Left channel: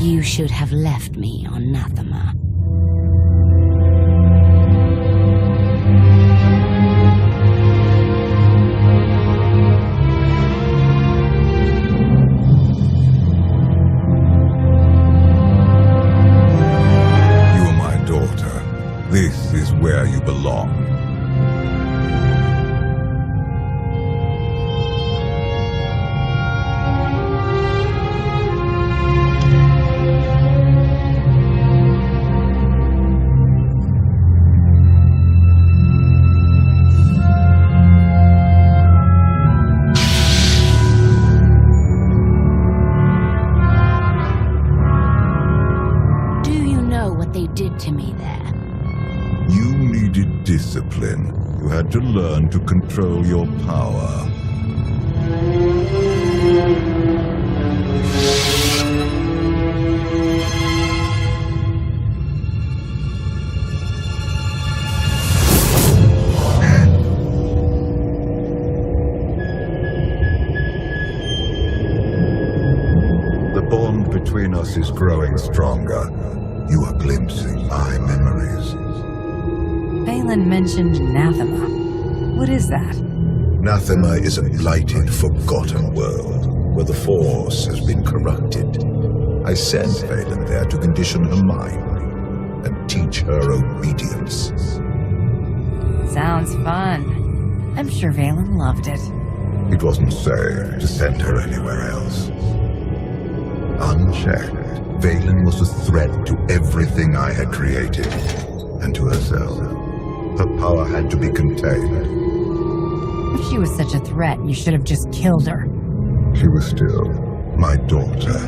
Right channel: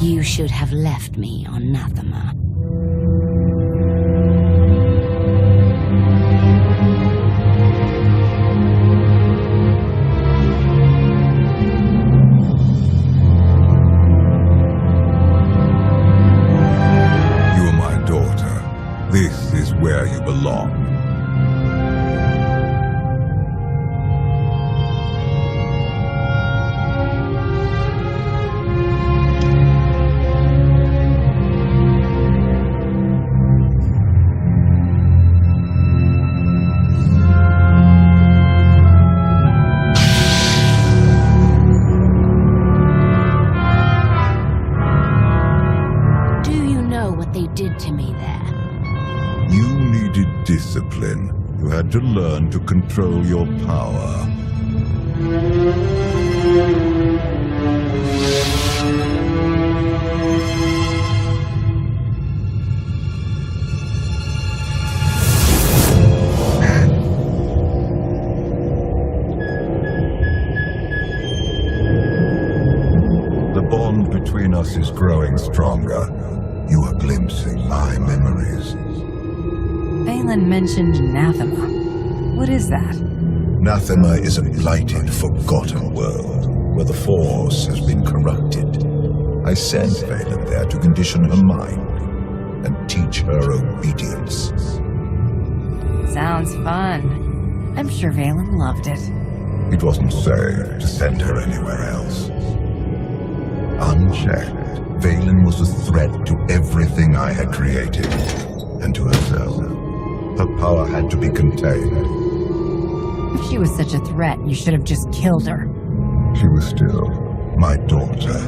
You should have left me on Nathema. You are my daughter. This is where you belong. What they did to me there. You needed discipline. You had to learn to control your power. The bond between us is growing stronger. You are glimpsing my memories. Vaylin mentioned Nathema. What is that? Nathema is a blighted, forgotten world, where the Force has been corrupted. I sent Vaylin there to condition her mind, and teach her obedience. Sounds fun. I'm sure Vaylin loved it. It wasn't safe to send her anywhere else. Unchecked, Vaylin was a threat to everything I had created, and to herself. Her power had to be contained. If she was such a threat, you should have just killed her. She was still my daughter.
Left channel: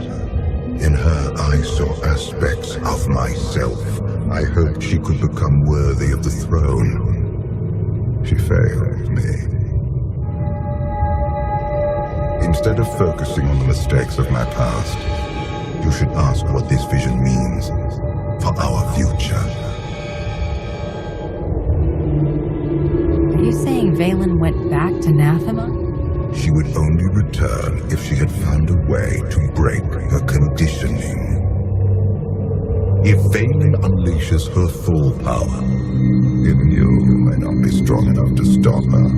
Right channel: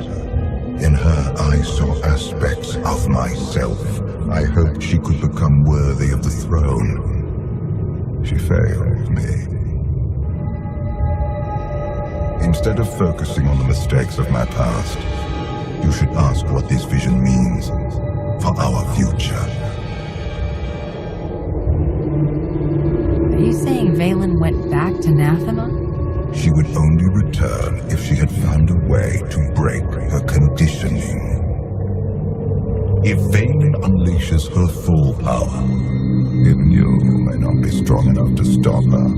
In her, I saw aspects of myself. I hoped she could become worthy of the throne. She failed me. Instead of focusing on the mistakes of my past, you should ask what this vision means for our future. Are you saying Vaylin went back to Nathema? She would only return if she had found a way to break her conditioning. If Vaylin unleashes her full power, even you may not be strong enough to stop her.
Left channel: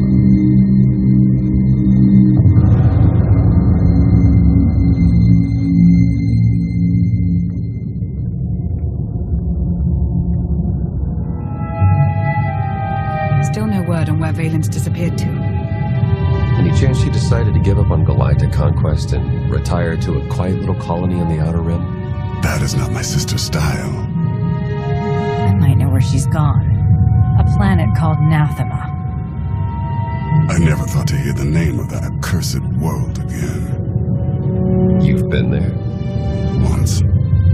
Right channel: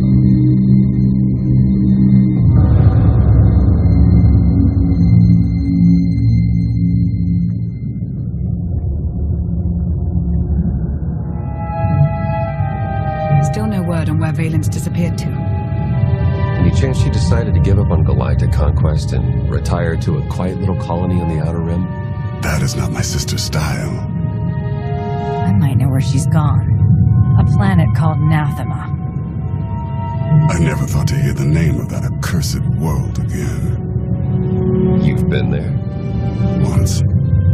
Still no word on where Vaylin's disappeared to. Any chance she decided to give up on galactic conquest and retire to a quiet little colony on the Outer Rim? That is not my sister's style. I might know where she's gone. A planet called Nathema. I never thought to hear the name of that accursed world again. You've been there? Once.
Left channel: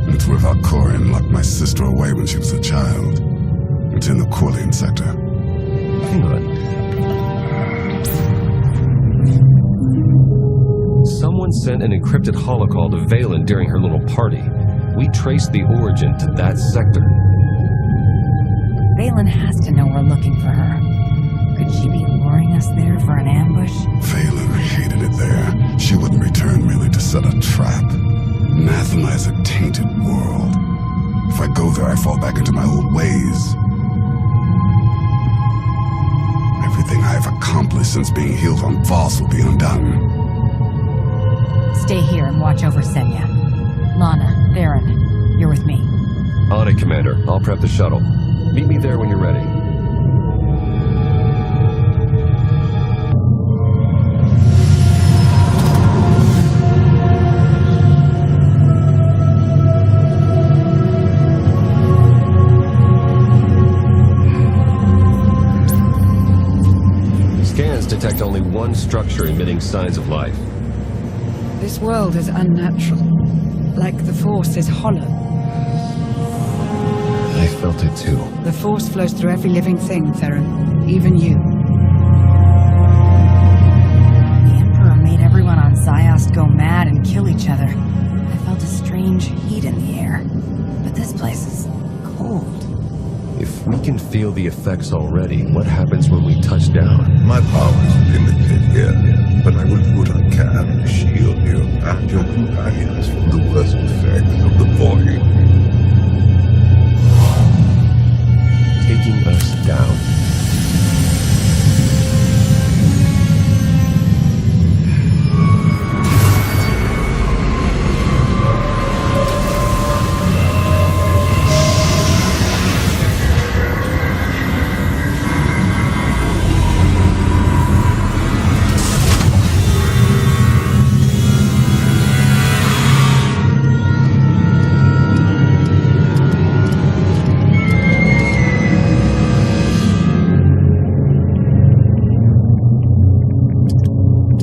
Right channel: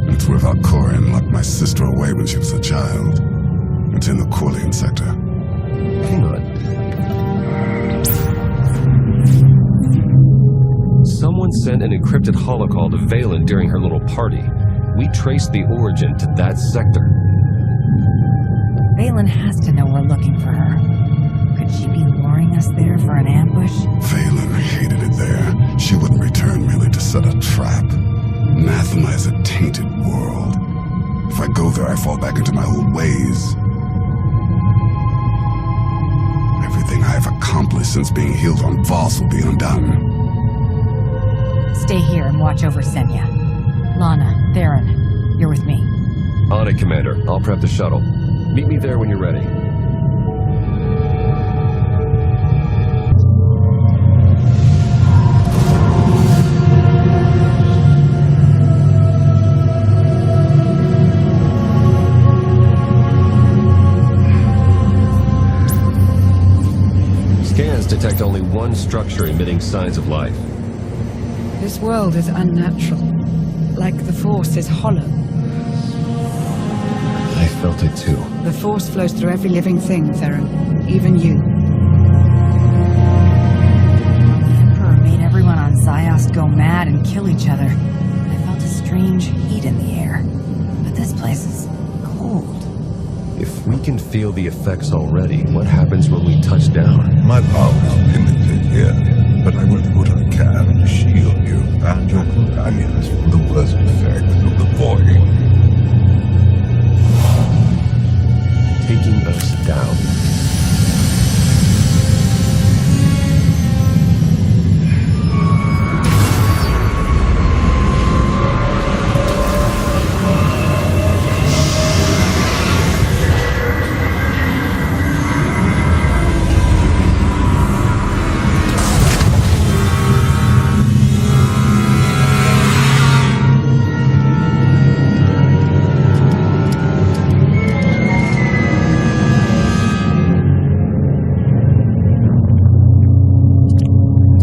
It's where Valkorion locked my sister away when she was a child. It's in the Corlean sector. Hang on. Someone sent an encrypted holocall to Vaylin during her little party. We traced the origin to that sector. Vaylin has to know we're looking for her. Could she be luring us there for an ambush? Vaylin hated it there. She wouldn't return merely to set a trap. Nathema is a tainted world. If I go there, I fall back into my old ways. Everything I've accomplished since being healed on Voss will be undone. Stay here and watch over Senya. Lana, Theron, you're with me. On it, Commander. I'll prep the shuttle. Meet me there when you're ready. Scans detect only one structure emitting signs of life. This world is unnatural. Like the Force is hollow. I felt it too. The Force flows through every living thing, Theron. Even you. The Emperor made everyone on Ziost go mad and kill each other. I felt a strange heat in the air. But this place is cold. If we can feel the effects already, what happens when we touch down? My power is limited here, but I will do what I can to shield you and your companions from the worst effects of the void. Taking us down.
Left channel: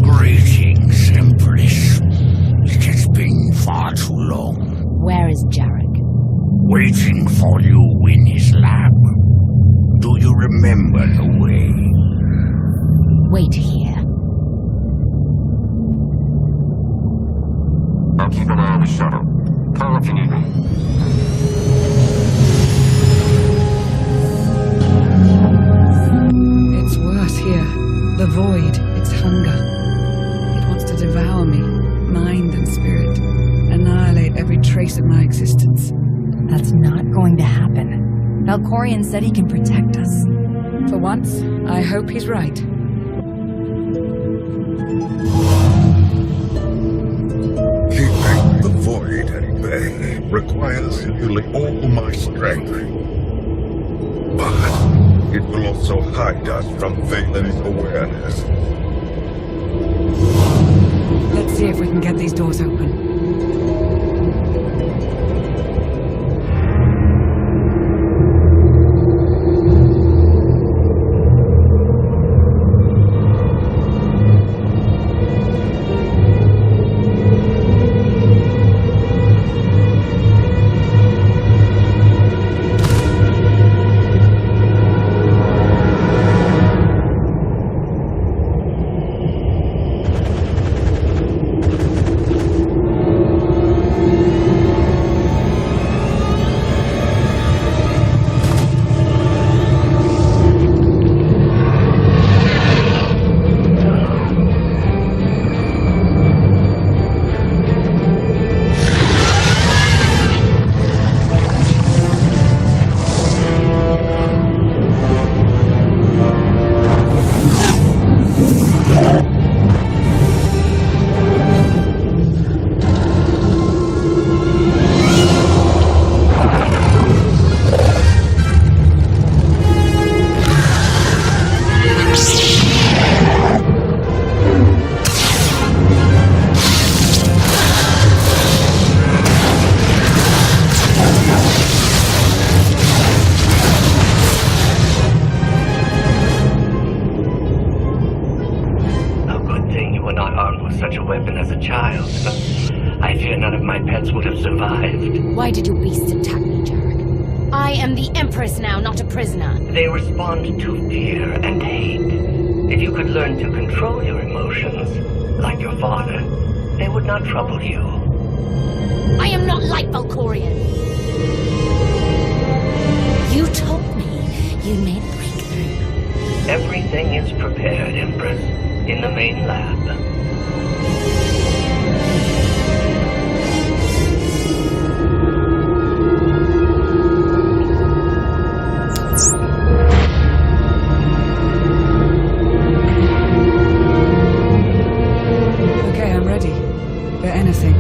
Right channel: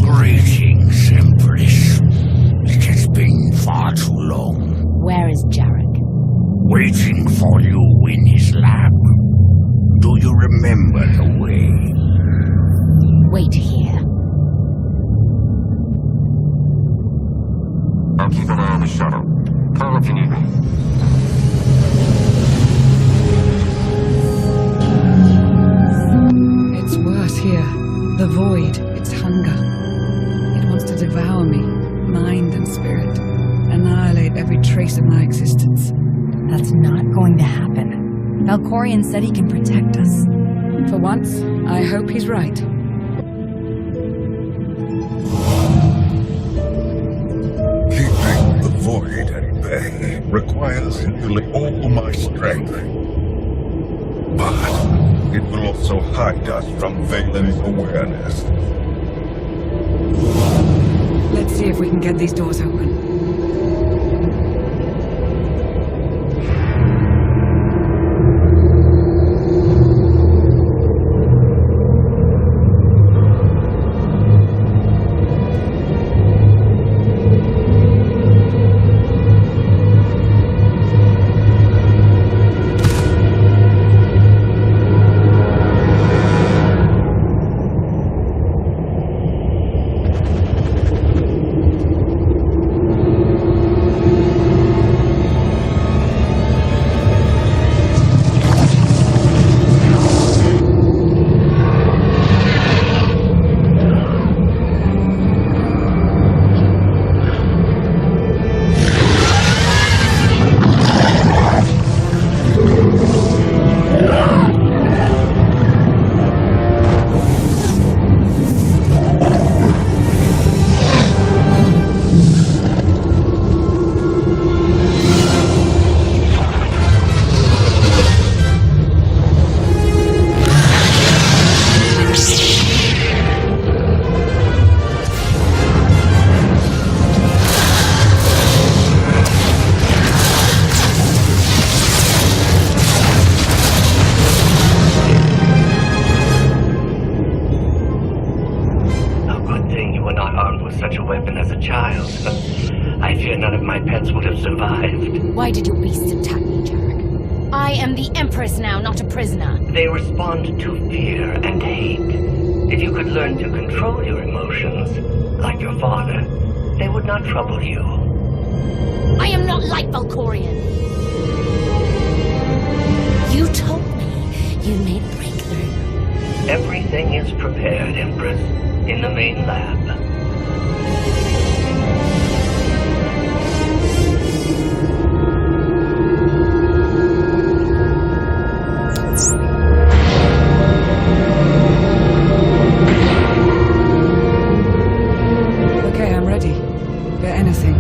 Greetings, Empress. It has been far too long. Where is Jarek? Waiting for you in his lab. Do you remember the way? Wait here. I'll keep an eye on the shuttle. Call if you need me. It's worse here. The void, its hunger. It wants to devour me, mind and spirit. Annihilate every trace of my existence. That's not going to happen. Valkorion said he can protect us. For once, I hope he's right. Keeping the void at bay requires nearly all my strength. But it will also hide us from Valen's awareness. Let's see if we can get these doors open. Such a weapon as a child. I fear none of my pets would have survived. Why did your beast attack me, Jarek? I am the Empress now, not a prisoner. They respond to fear and hate. If you could learn to control your emotions, like your father, they would not trouble you. I am not like Valkorion. You told me you'd made a breakthrough. Everything is prepared, Empress, in the main lab. Okay, I'm ready. For anything.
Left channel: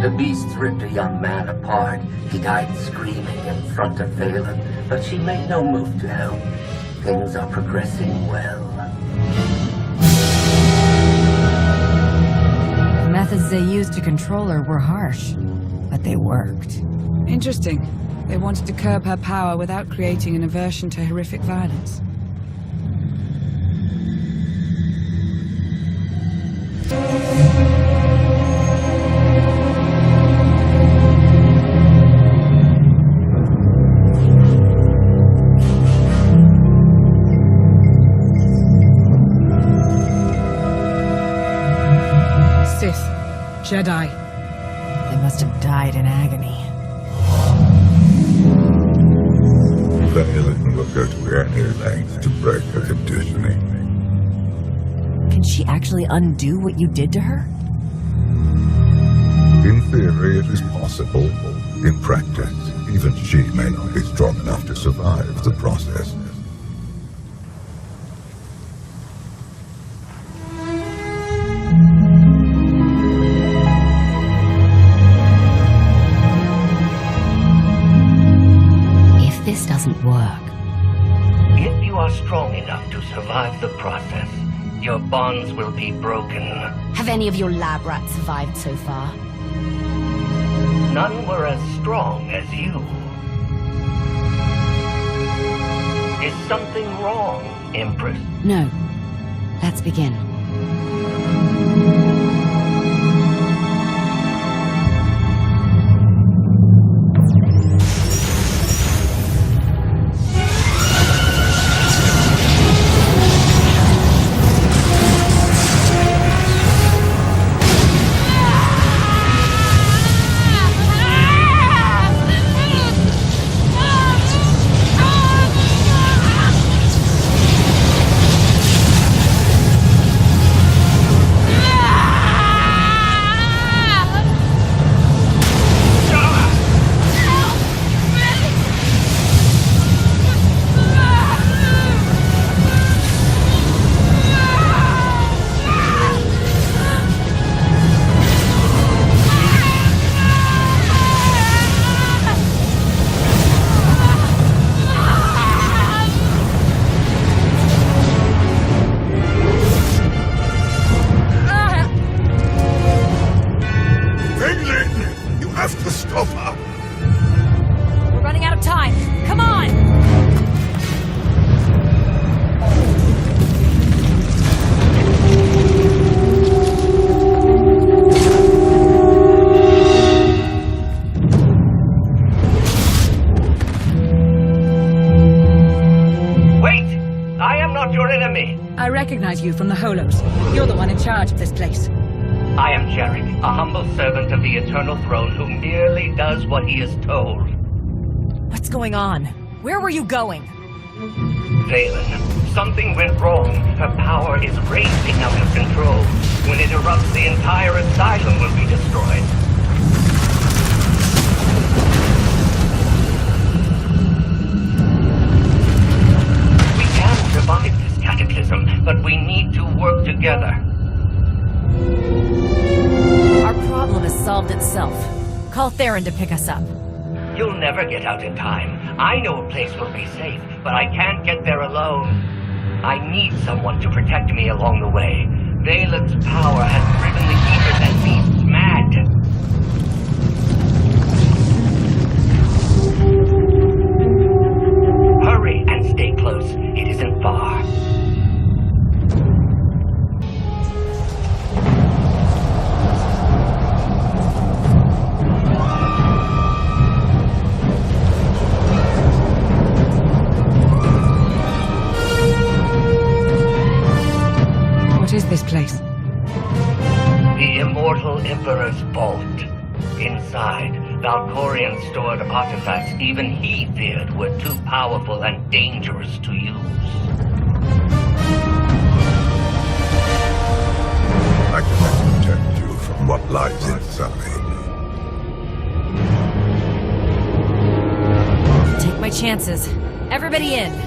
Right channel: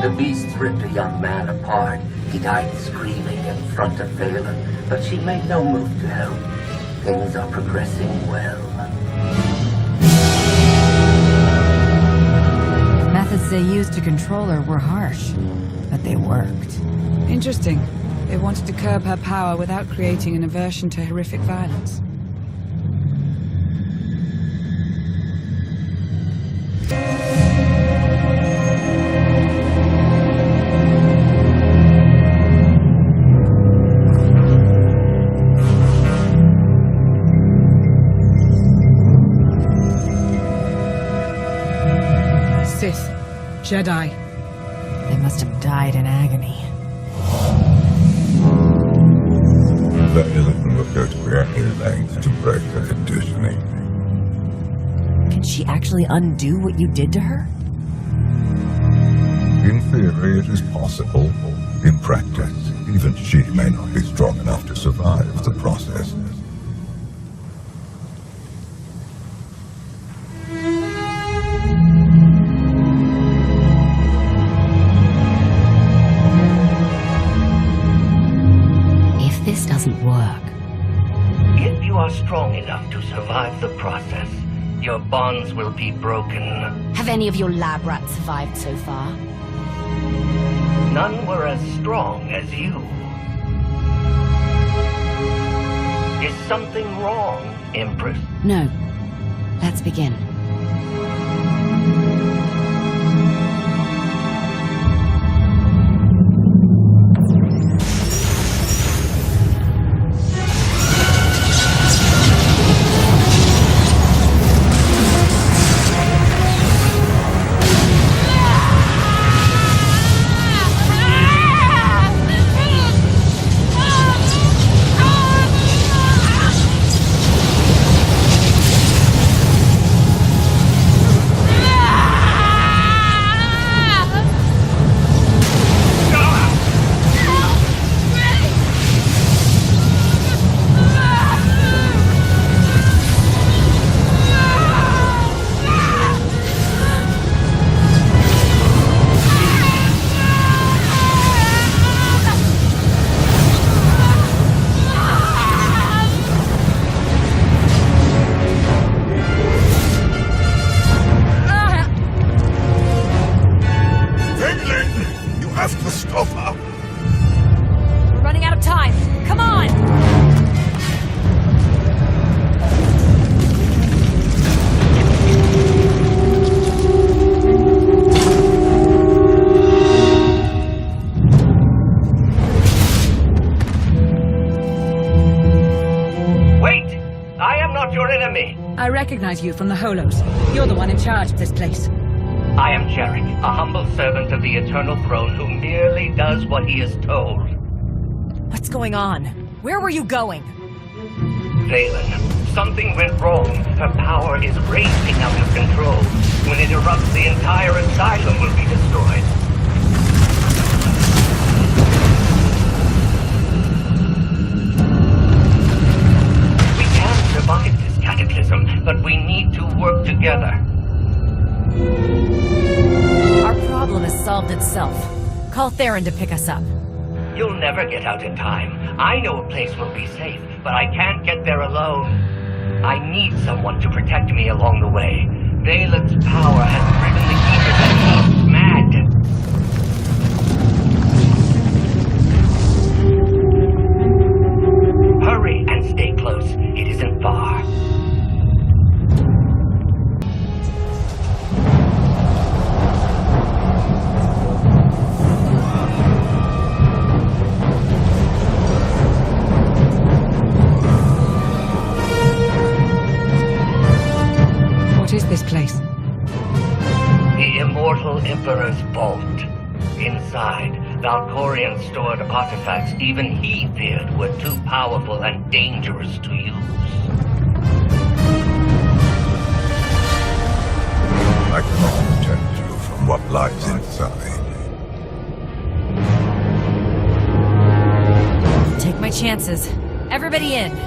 The beasts ripped a young man apart. He died screaming in front of Valen, but she made no move to help. Things are progressing well. The methods they used to control her were harsh, but they worked. Interesting. They wanted to curb her power without creating an aversion to horrific violence. Jedi. They must have died in agony. Valen will go to any length to break her conditioning. Can she actually undo what you did to her? In theory, it is possible. In practice, even she may not be strong enough to survive the process. If this doesn't work... If you are strong enough to survive the process, your bonds will be broken. Have any of your lab rats survived so far? None were as strong as you. Is something wrong, Empress? No. Let's begin. You have to stop her! We're running out of time. Come on! Wait! I am not your enemy! I recognize you from the Holos. You're the one in charge of this place. I am Jarek, a humble servant of the Eternal Throne who merely does what he is told. What's going on? Where were you going? Valen, something went wrong. Her power is racing out of control. When it erupts, the entire asylum will be destroyed. We can survive this cataclysm, but we need to work together. Our problem has solved itself. Call Theron to pick us up. You'll never get out in time. I know a place will be safe, but I can't get there alone. I need someone to protect me along the way. Valen's power has driven the keepers and beasts mad. Hurry and stay close. It isn't far. What is this place? The Immortal Emperor's vault. Inside, Valkorian stored artifacts even he feared were too powerful and dangerous to use. I cannot protect you from what lies inside. Take my chances. Everybody in.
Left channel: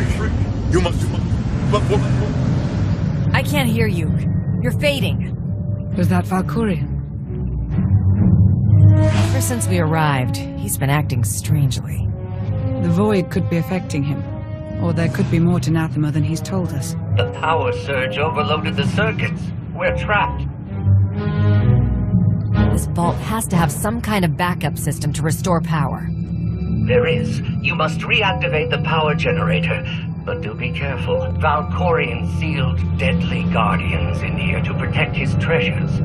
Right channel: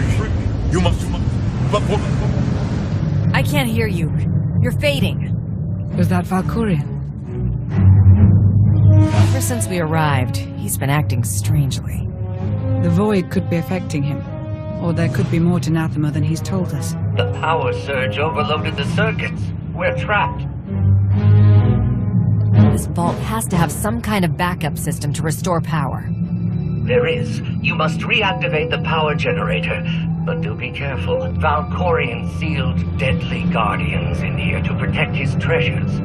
free. You must. I can't hear you. You're fading. Was that Valkyrian? Ever since we arrived, he's been acting strangely. The void could be affecting him. Or there could be more to Nathema than he's told us. The power surge overloaded the circuits. We're trapped. This vault has to have some kind of backup system to restore power. There is. You must reactivate the power generator. But do be careful. Valkorian sealed deadly guardians in here to protect his treasures.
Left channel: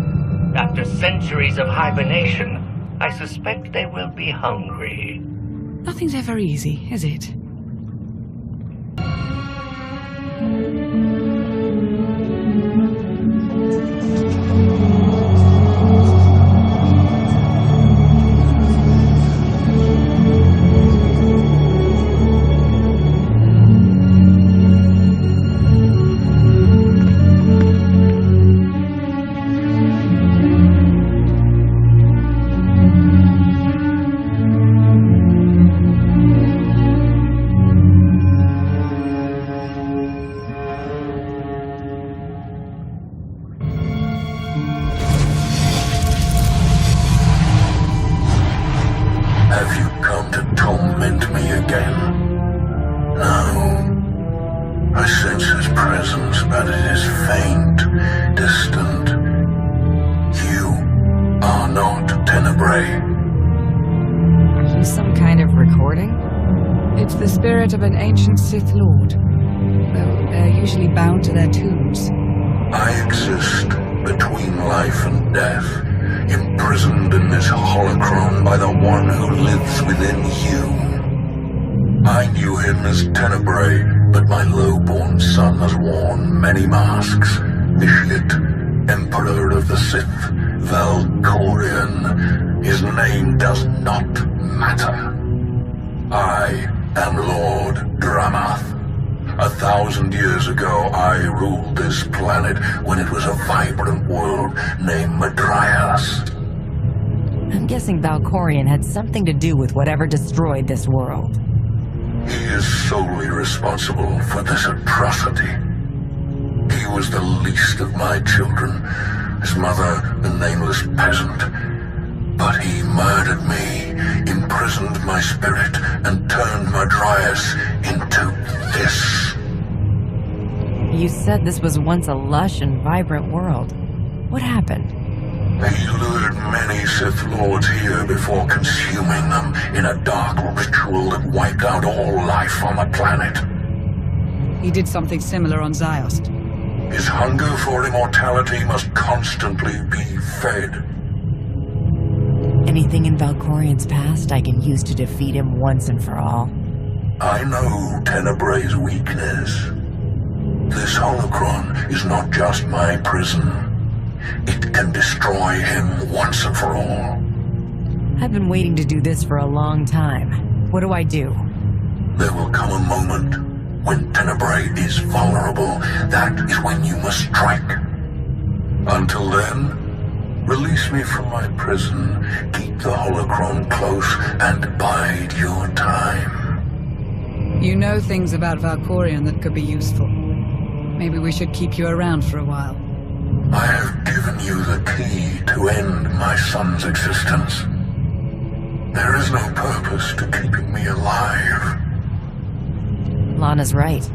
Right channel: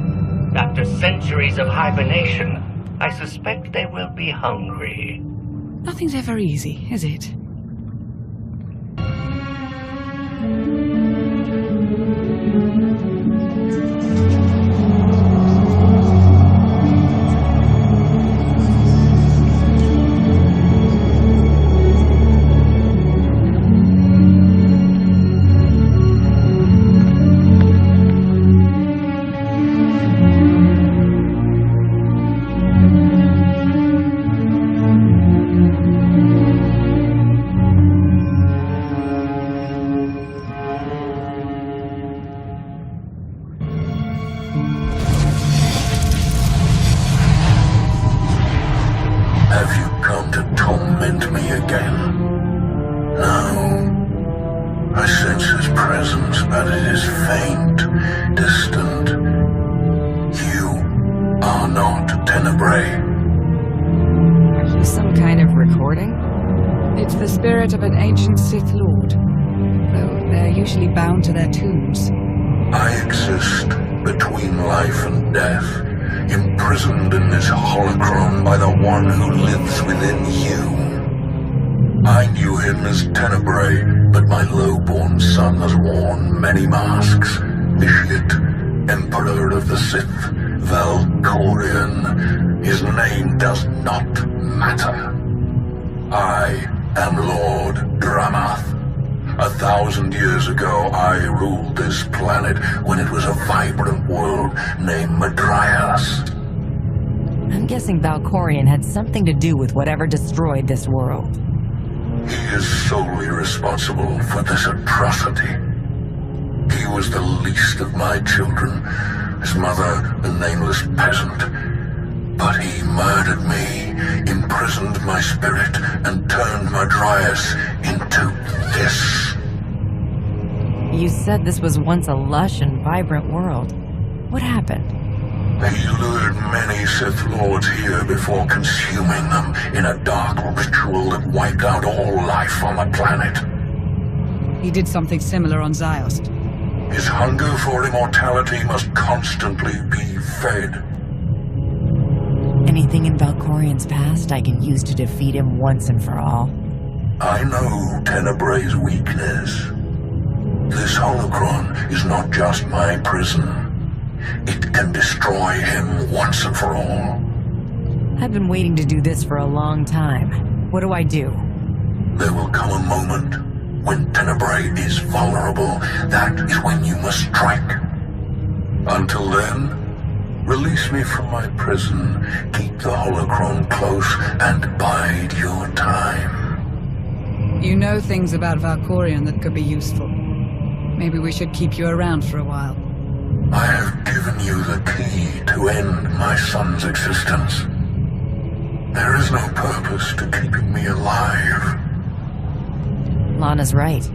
After centuries of hibernation, I suspect they will be hungry. Nothing's ever easy, is it? Have you come to torment me again? No. I sense his presence, but it is faint, distant. You are not Tenebrae. Are you some kind of recording? It's the spirit of an ancient Sith Lord, though they're usually bound to their tombs. I exist between life and death, imprisoned in this holocron by the one who lives within you. I knew him as Tenebrae, but my low-born son has worn many masks. Vitiate, Emperor of the Sith, Valkorian. His name does not matter. I am Lord Dramath. 1,000 years ago, I ruled this planet when it was a vibrant world named Madrias. I'm guessing Valkorian had something to do with whatever destroyed this world. He is solely responsible for this atrocity. He was the least of my children, his mother a nameless peasant. But he murdered me, imprisoned my spirit, and turned Madrias into this. You said this was once a lush and vibrant world. What happened? He lured many Sith Lords here before consuming them in a dark ritual that wiped out all life on the planet. He did something similar on Ziost. His hunger for immortality must constantly be fed. Anything in Valkorian's past I can use to defeat him once and for all? I know Tenebrae's weakness. This holocron is not just my prison. It can destroy him once and for all. I've been waiting to do this for a long time. What do I do? There will come a moment when Tenebrae is vulnerable. That is when you must strike. Until then, release me from my prison, keep the holocron close, and bide your time. You know things about Valkorian that could be useful. Maybe we should keep you around for a while. I have given you the key to end my son's existence. There is no purpose to keeping me alive. Lana's right.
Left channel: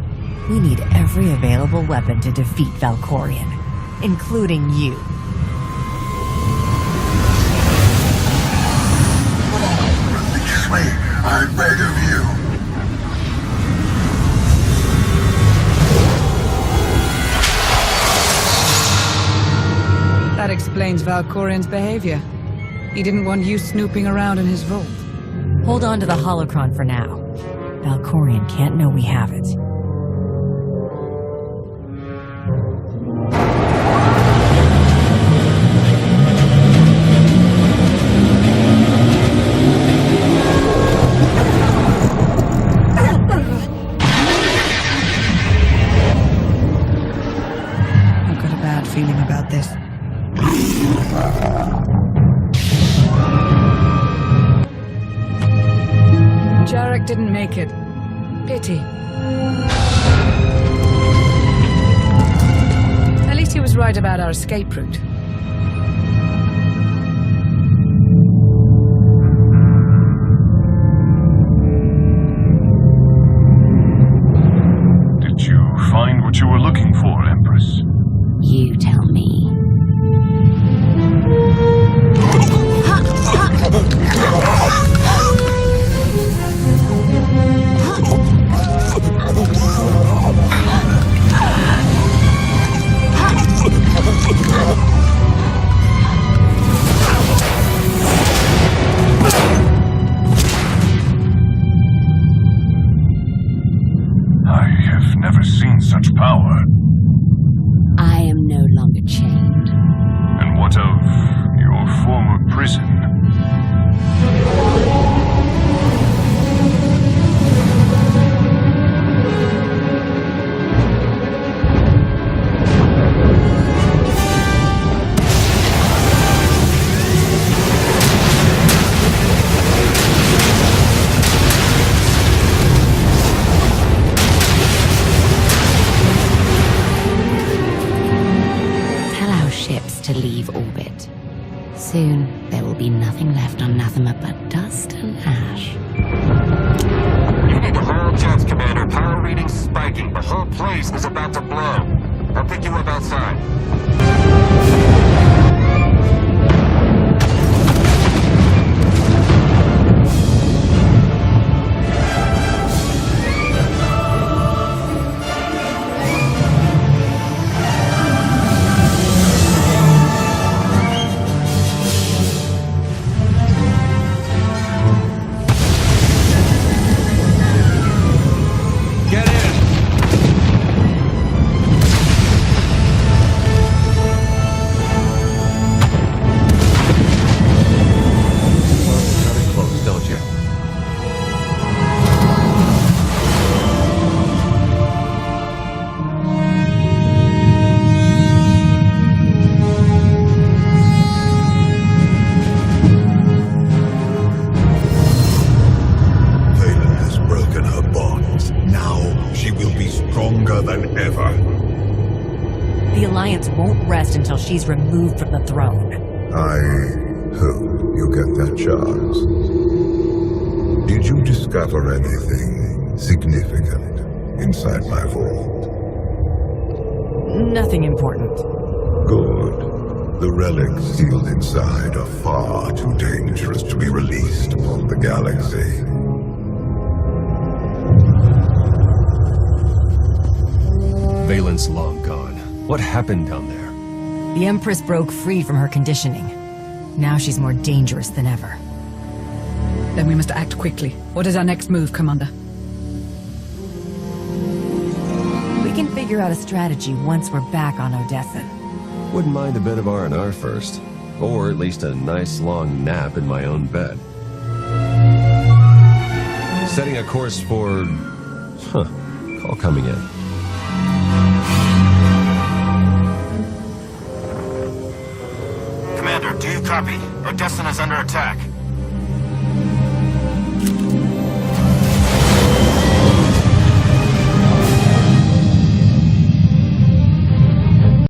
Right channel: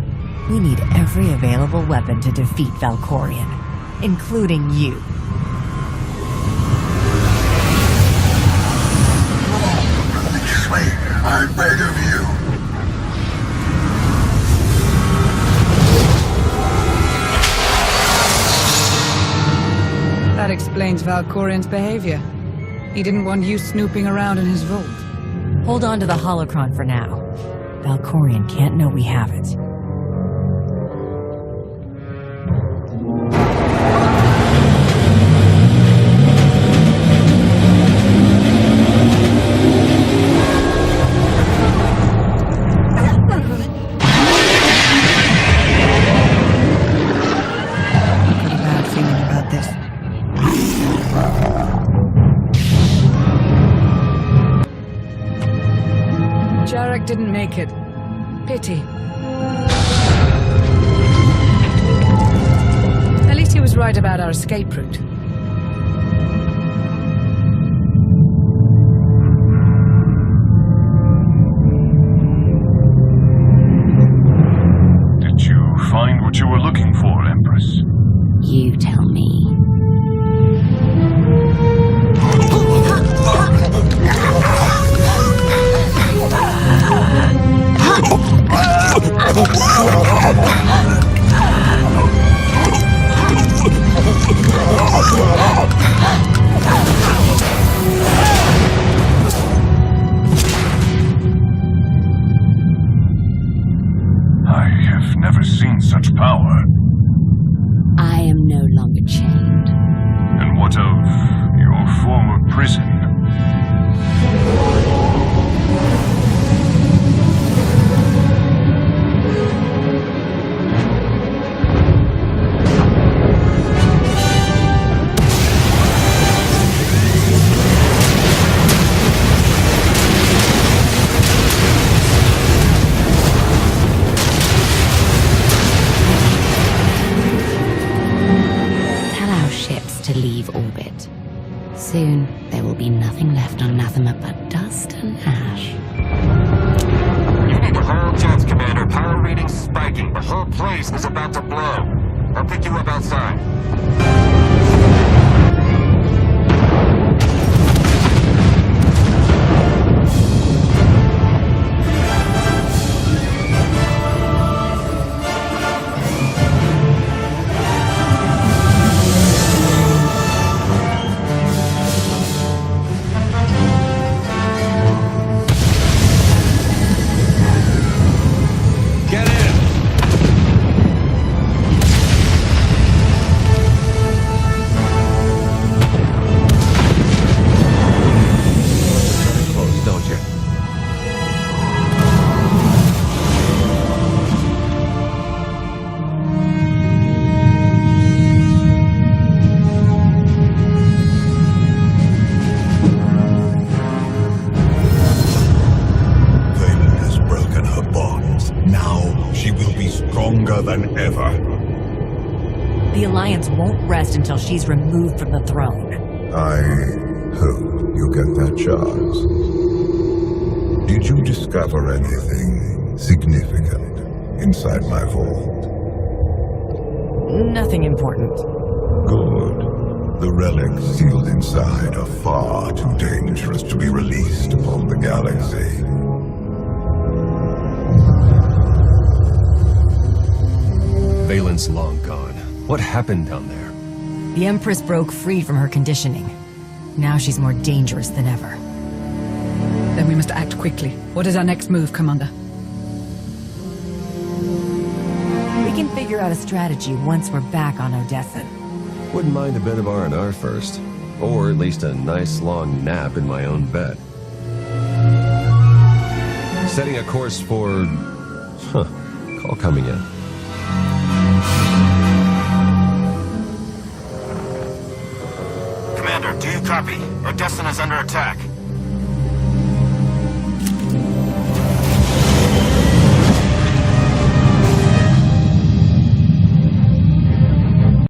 We need every available weapon to defeat Valkorian, including you. Release me, I beg of you. That explains Valkorian's behavior. He didn't want you snooping around in his vault. Hold on to the holocron for now. Valkorian can't know we have it. I've got a bad feeling about this. Jarek didn't make it. Pity. At least he was right about our escape route. Did you find what you were looking for, Empress? You tell me. I have never seen such power. I am no longer chained. And what of your former prison? Tell our ships to leave orbit. Soon, there will be nothing left on Nathema but dust and ash. You need to hold jets, Commander. Power readings spiking. The whole place is about to blow. I'll pick you up outside. Get in! You do love to cut it close, don't you? Valen has broken her bonds. Now she will be stronger than ever. The Alliance won't rest until she's removed from the throne. I hope you get that chance. Did you discover anything significant inside my vault? Nothing important. Good. The relics sealed inside are far too dangerous to be released upon the galaxy. Valen's long gone. What happened down there? The Empress broke free from her conditioning. Now she's more dangerous than ever. Then we must act quickly. What is our next move, Commander? We can figure out a strategy once we're back on Odessan. Wouldn't mind a bit of R&R first. Or at least a nice long nap in my own bed. Setting a course for... Call coming in. Commander, do you copy? Odessan is under attack.